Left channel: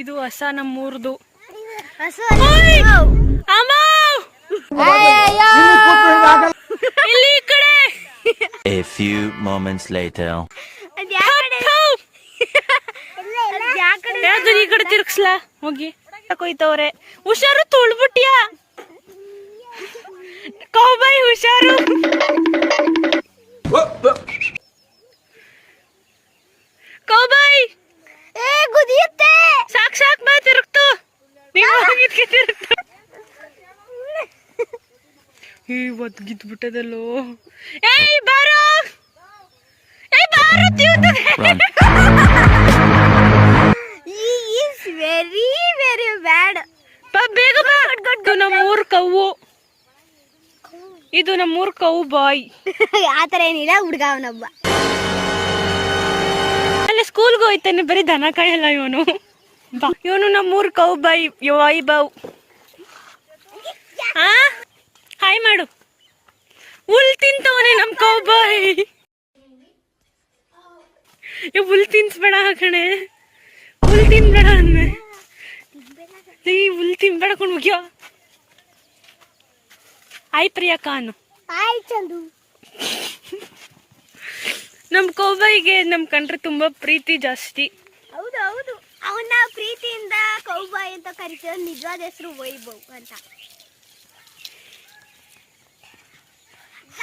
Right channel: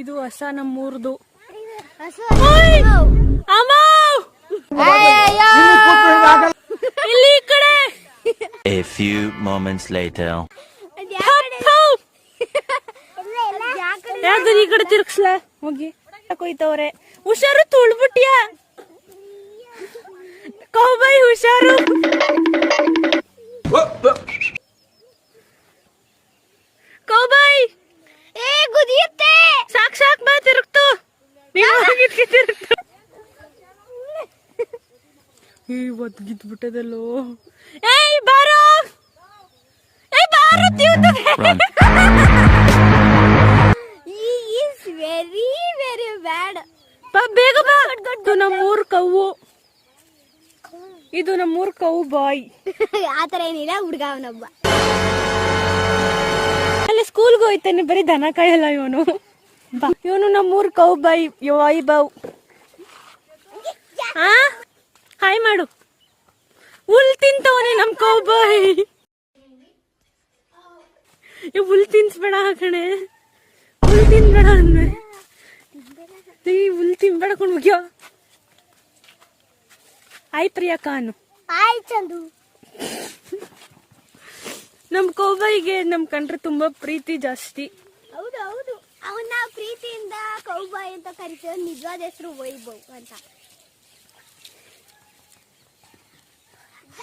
ಇದು ಹೊಸ ನಮ್ಮೂರ್ದು. ಇಲ್ಲಿ ಈ ಕಡೆ. A few moments later. ಯಾವ್ದು ಈ ಕಡೆ ತಿರ್ಗ್ಸ್ಲಾ ಹೋಗಿ ಕೊಯ್ತವ್ರೆ. ಹುಷಾರು ತುಳ್ಬಿಟ್ಯಾ ಕೌಬಾಯ್, ಹುಷಾರು. ಕೌಬಾಯ್ ಸಾಕ್ ಸಾಕ್ ಬಾ ತಿರುಗ್ತು. ತಿರುಗ್ತು ಒದ್ಗಿದ್ಬಿಟ್ಟದಲ್ಲೋ. ಏಯ್ ಬಾರೋ, ಏಯ್ ಬಾರೋ Run. Very very bad. ಬಾ ಬೇಗ ಬಾ. ಇದು ನಮ್ಮೂರ್ ಕವ್ವು, ಇದು ನಮ್ಮೂರ್ ಕೌ ಬಾಯ್. ಆತರ ಏನಿಲ್ಲ, ಹುಡ್ಗ ಅವನೊಬ್ಬ. ಅಲ್ಲ ಸ್ಕೂಲ್ಗೆ ಹೋಯ್ತಾನೆ, ಬರೀ ದನ ಕಾಯಲ್ಲ ಇವನು. ಇವನು ನಮ್ಮೂರ್ ಕೌ ಬಾಯ್ ವೈಭವ್. ಹಾಯ್ ಮಾಡು. ಹುಲ್ ತಿಂತವನೆ ನಮ್ ಕೌ ಬಾಯ್. ಹುಲ್ ತಿನ್ಸ್ಬೇಡ ಕಣೆ, ಹುಲ್ ತಿನ್ಬೇಡ ಅಂದೆ. ಹುಲ್ ತಿನ್ಬೇಡ ಕೊಂಡು ಮುಗಿಯೋ. ಆಯ್ ಪ್ರಿಯಾ ಅನ್ನು. ಆಯ್ ಚಂದು. ನಮ್ ಕೌಬಾಯಿಗೆ ನಮ್ ಕಂಡ್ರೆ ತುಂಬಾ ಪ್ರೀತಿ ಜಾಸ್ತಿ. ಹೌದು ಹೌದು, ಅವನ್ನ ಪ್ರೀತಿಯಿಂದ ಕೌಬಾಯ್ ಅಂತ ಕರಿತೀವಿ. ನಿಜವಾದ ಹೆಸರು ವೈಭವ್ ಅಂತ.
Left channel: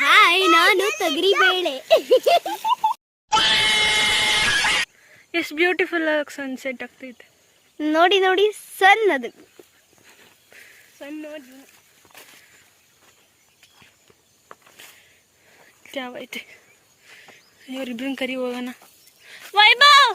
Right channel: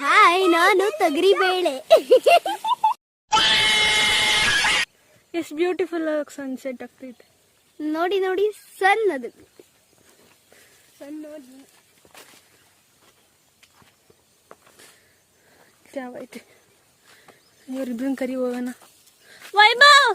ಹಾಯ್, ನಾನು ತೊಗರಿ ಬೇಳೆ. ಎಷ್ಟು ಬ್ಯೂಟಿಫುಲ್ ಆಗಿ ಸನ್ಸೆಟ್ ಆಗ್ತೈತೆ ನೋಡಿ ನೋಡಿ. ಸನ್ ಅದು ಸನ್ ನೋಡಿ. ಯಾವೈತೆ, ಇವ್ರಿಬ್ರನ್ನ ಕರಿ ಹೋಗೋಣ. ವೈಭವ್,